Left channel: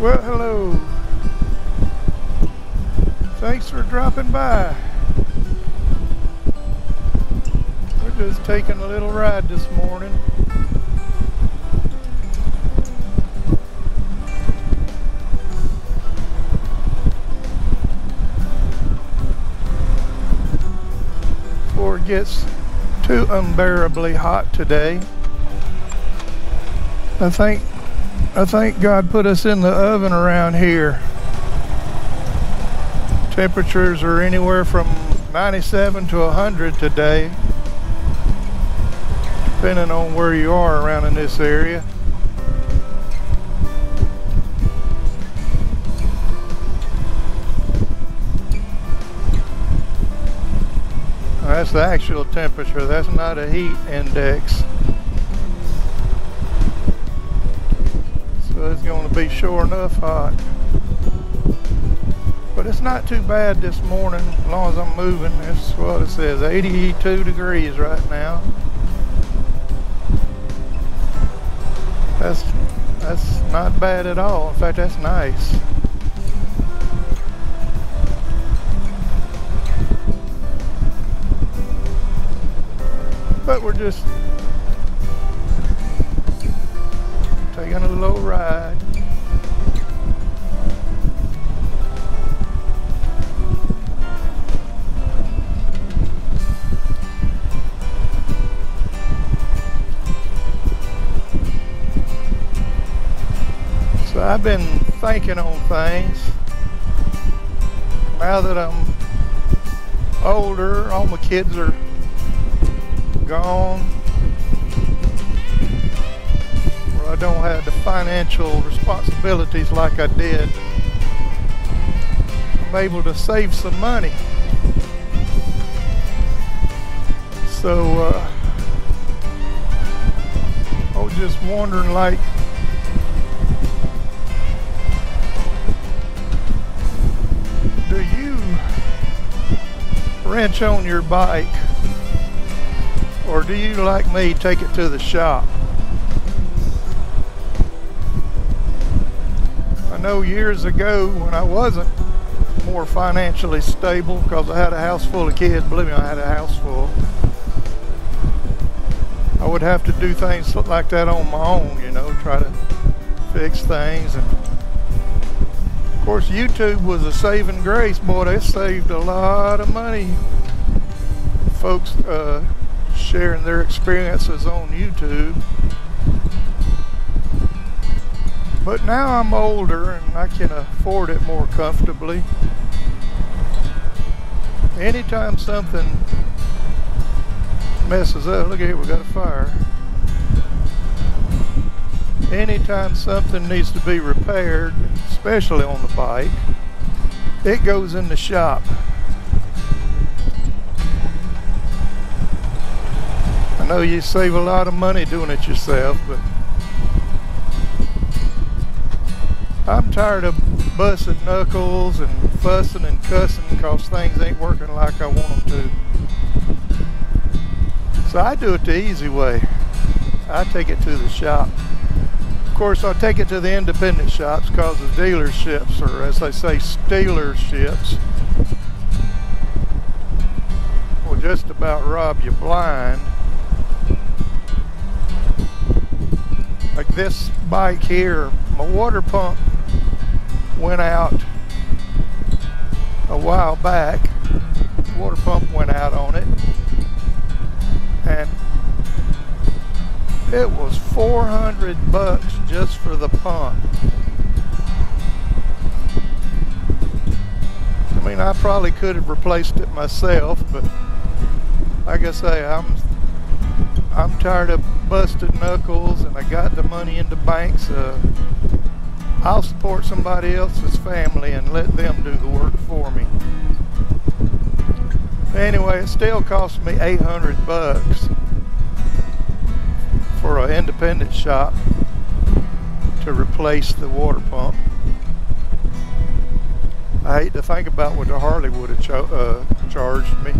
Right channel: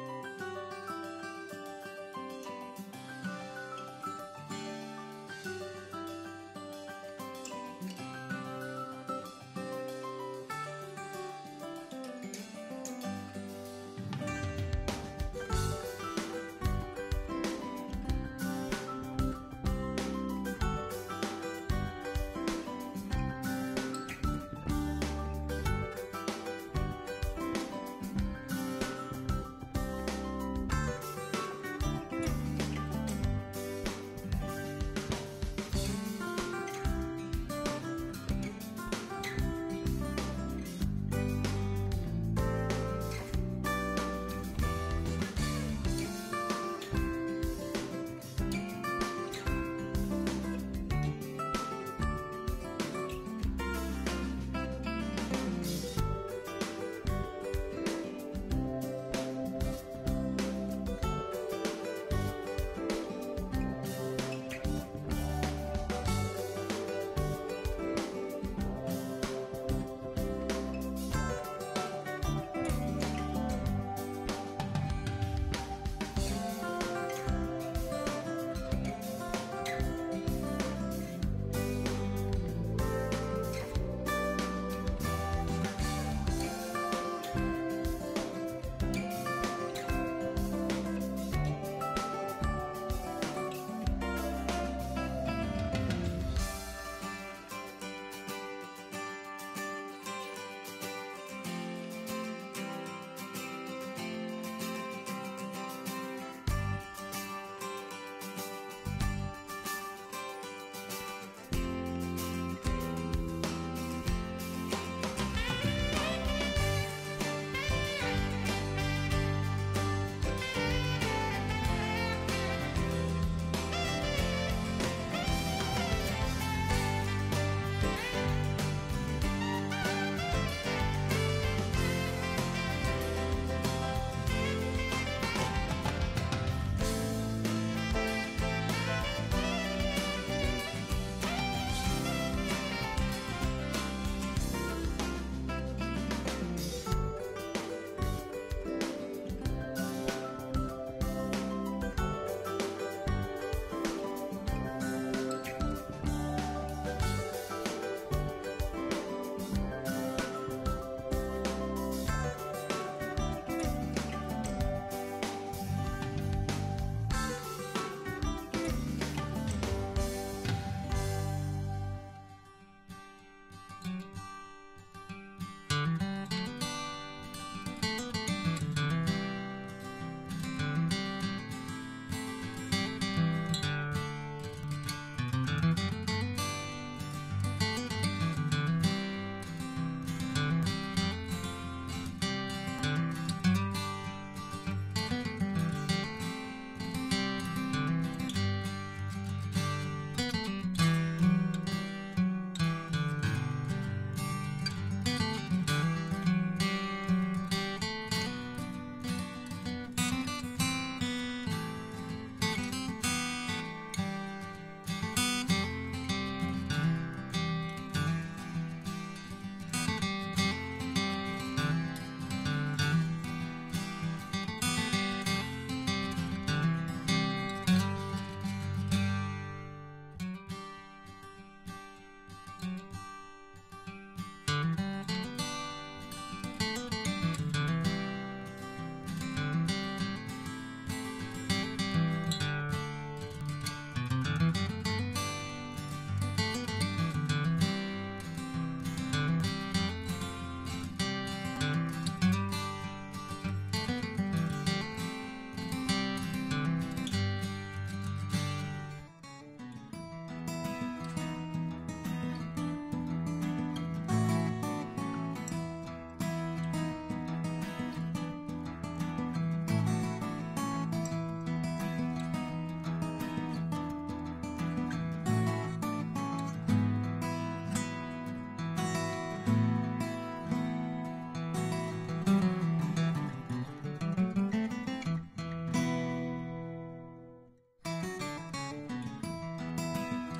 Well, hello. Thanks for dropping by. We're just taking a little ride this morning. Before it gets too unbearably hot today. I think God put us in the oven around here. Temperatures are anywhere from 97 to 100 today, depending on where you are around in this area. That's the actual temperature, that's not a heat index. So it's going to be sure enough hot. But it's not too bad this morning, as long as I'm moving. That's what it says, 82 degrees right now. That's not bad at all. In fact, that's nice. But we're just taking a little ride. So I've been thinking on things. Now that I'm older, all my kids are gone. Well, I don't have the financial responsibilities like I did. I'm able to save some money. So I was just wondering, like, do you wrench on your bike, or do you, like me, take it to the shop? I know years ago when I wasn't more financially stable, because I had a house full of kids, believe me, I had a house full, I would have to do things like that on my own, you know, try to fix things. And of course, YouTube was a saving grace. Boy, they saved a lot of money. Folks sharing their experiences on YouTube. But now I'm older and I can afford it more comfortably. Anytime something messes up, look at here, we got a fire. Anytime something needs to be repaired, especially on the bike, it goes in the shop. I know you save a lot of money doing it yourself, but I'm tired of busting knuckles and fussing and cussing because things ain't working like I want them to. So I do it the easy way. I take it to the shop. Of course, I take it to the independent shops because the dealerships, or as they say, stealerships, will just about rob you blind. Like this bike here, my water pump went out a while back. The water pump went out on it, and it was $400 just for the pump. I mean, I probably could have replaced it myself, but like I say, I'm tired of busted knuckles, and I got the money in the bank, so I'll support somebody else's family and let them do the work for me. Anyway, it still cost me $800 for an independent shop to replace the water pump. I hate to think about what the Harley would have charged me.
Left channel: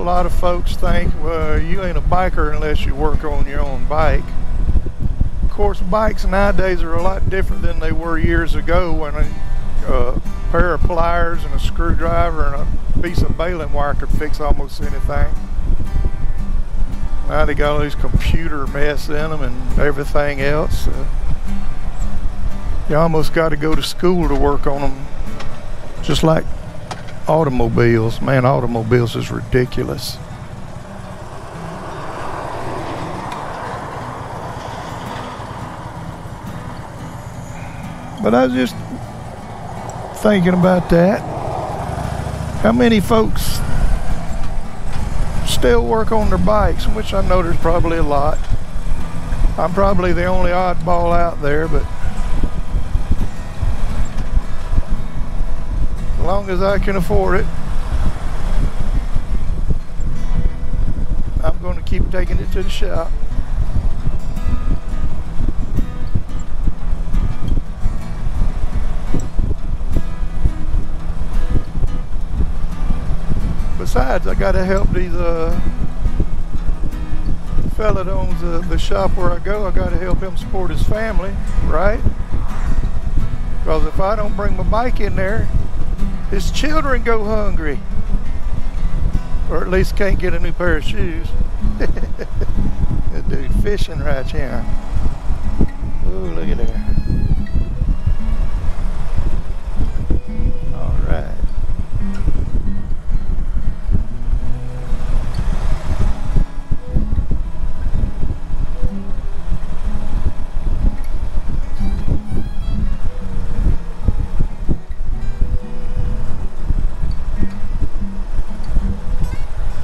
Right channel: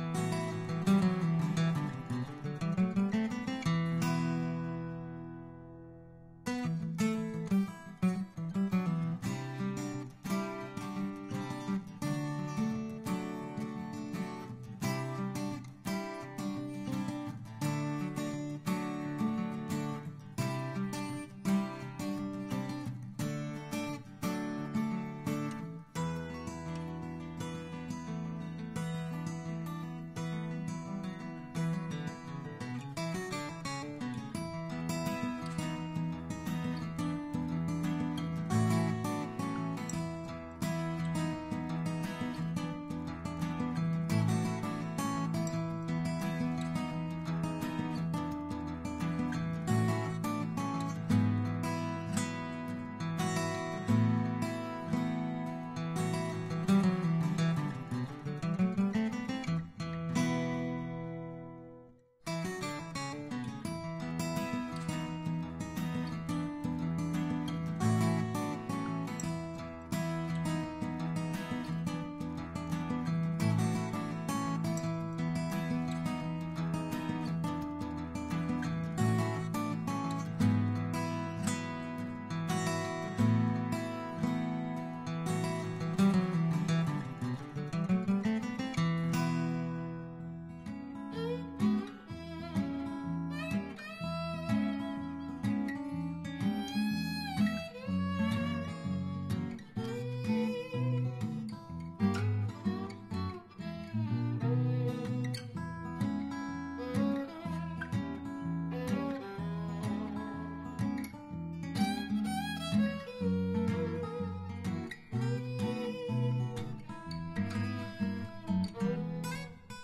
a lot of folks think, well, you ain't a biker unless you work on your own bike. Of course, bikes nowadays are a lot different than they were years ago when a pair of pliers and a screwdriver and a piece of baling wire could fix almost anything. Now they got all these computer mess in them and everything else. You almost got to go to school to work on them, just like automobiles. Man, automobiles is ridiculous. But I was just thinking about that. How many folks still work on their bikes? Which I know there's probably a lot. I'm probably the only oddball out there, but as long as I can afford it, I'm going to keep taking it to the shop. Besides, I got to help these fella that owns the shop where I go. I got to help him support his family, right? Because if I don't bring my bike in there, his children go hungry, or at least can't get a new pair of shoes. That dude fishing right here. Oh, look at that. All right.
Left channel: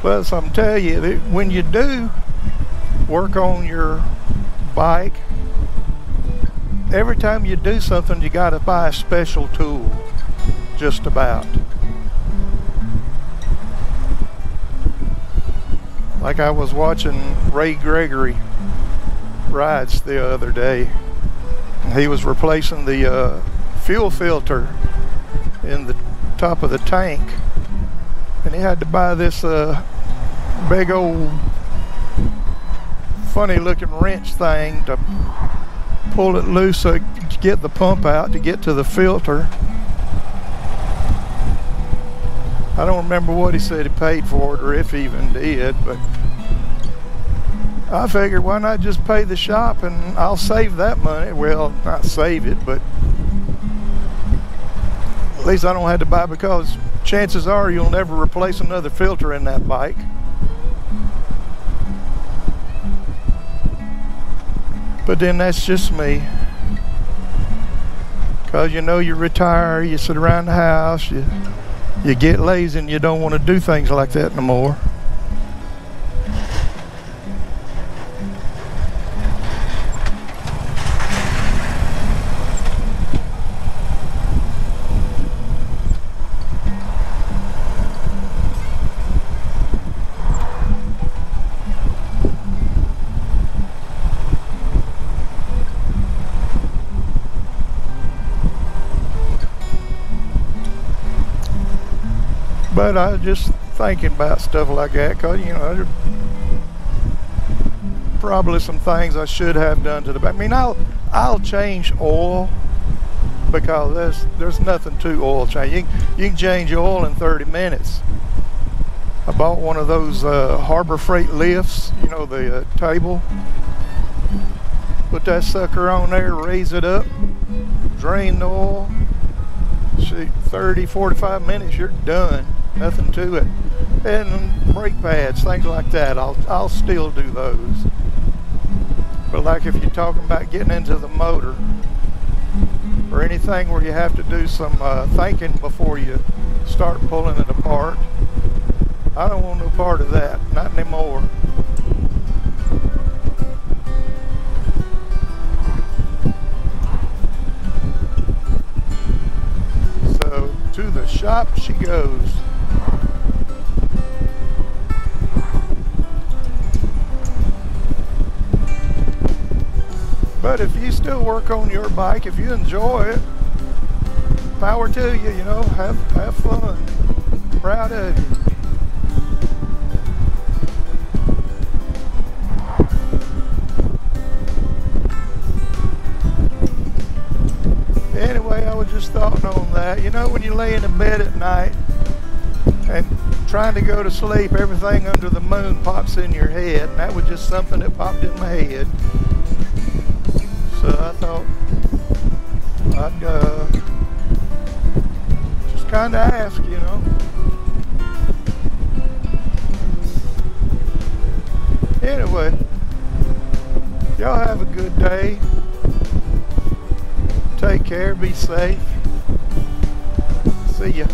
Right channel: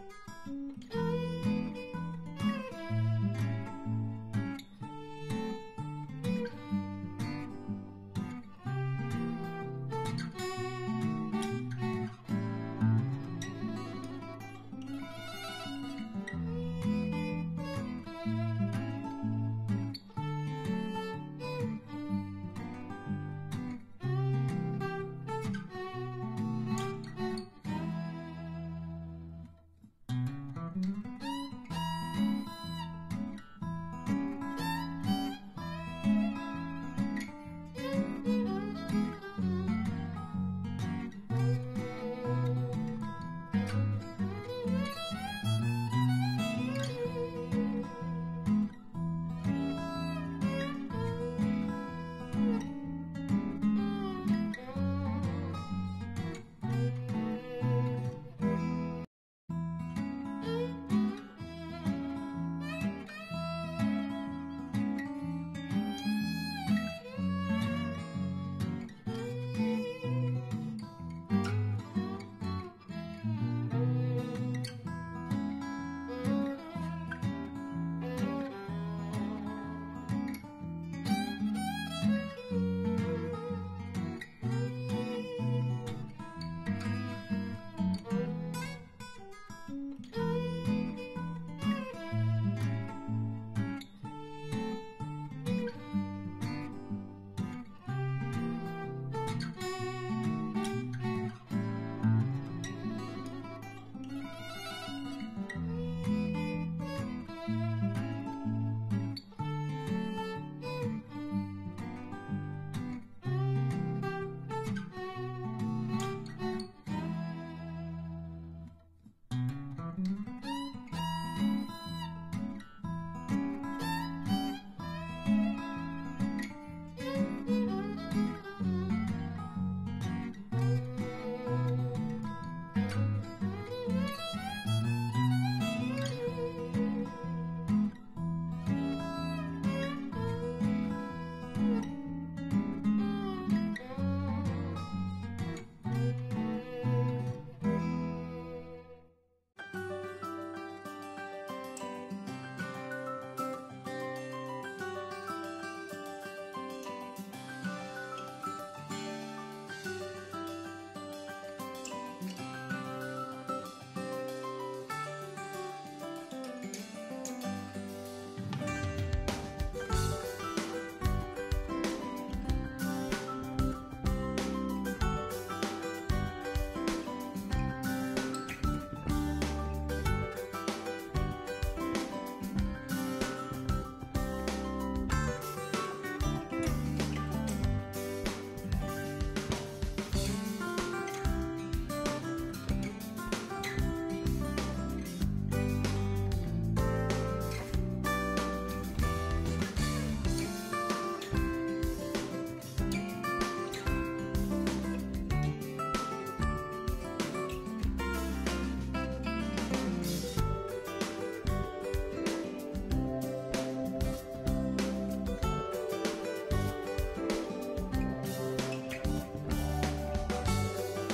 Well, so I'm telling you that when you do work on your bike, every time you do something, you got to buy a special tool, just about. Like I was watching Ray Gregory rides the other day. He was replacing the fuel filter in the top of the tank, and he had to buy this big old funny looking wrench thing to pull it loose so to get the pump out to get to the filter. I don't remember what he said he paid for it or if he even did, but I figured why not just pay the shop and I'll save that money. Well, not save it, but at least I don't have to buy, because chances are you'll never replace another filter in that bike. But then that's just me. Because you know, you retire, you sit around the house, you get lazy and you don't want to do things like that no more. But I was just thinking about stuff like that, because, you know, there's probably some things I should have done to the back. I mean, I'll change oil, because there's nothing to oil change. You can change your oil in 30 minutes. I bought one of those Harbor Freight lifts, you know, the table. Put that sucker on there, raise it up, drain the oil. Shoot, 30, 45 minutes, you're done. Nothing to it. And brake pads, things like that, I'll still do those. But like if you're talking about getting into the motor, or anything where you have to do some thinking before you start pulling it apart, I don't want no part of that, not anymore. So to the shop she goes. But if you still work on your bike, if you enjoy it, power to you, you know, have fun. Proud of you. laying in bed at night and trying to go to sleep, everything under the moon pops in your head, and that was just something that popped in my head. So I thought I'd just kind of ask, you know. Anyway, y'all have a good day. Take care, be safe. See ya.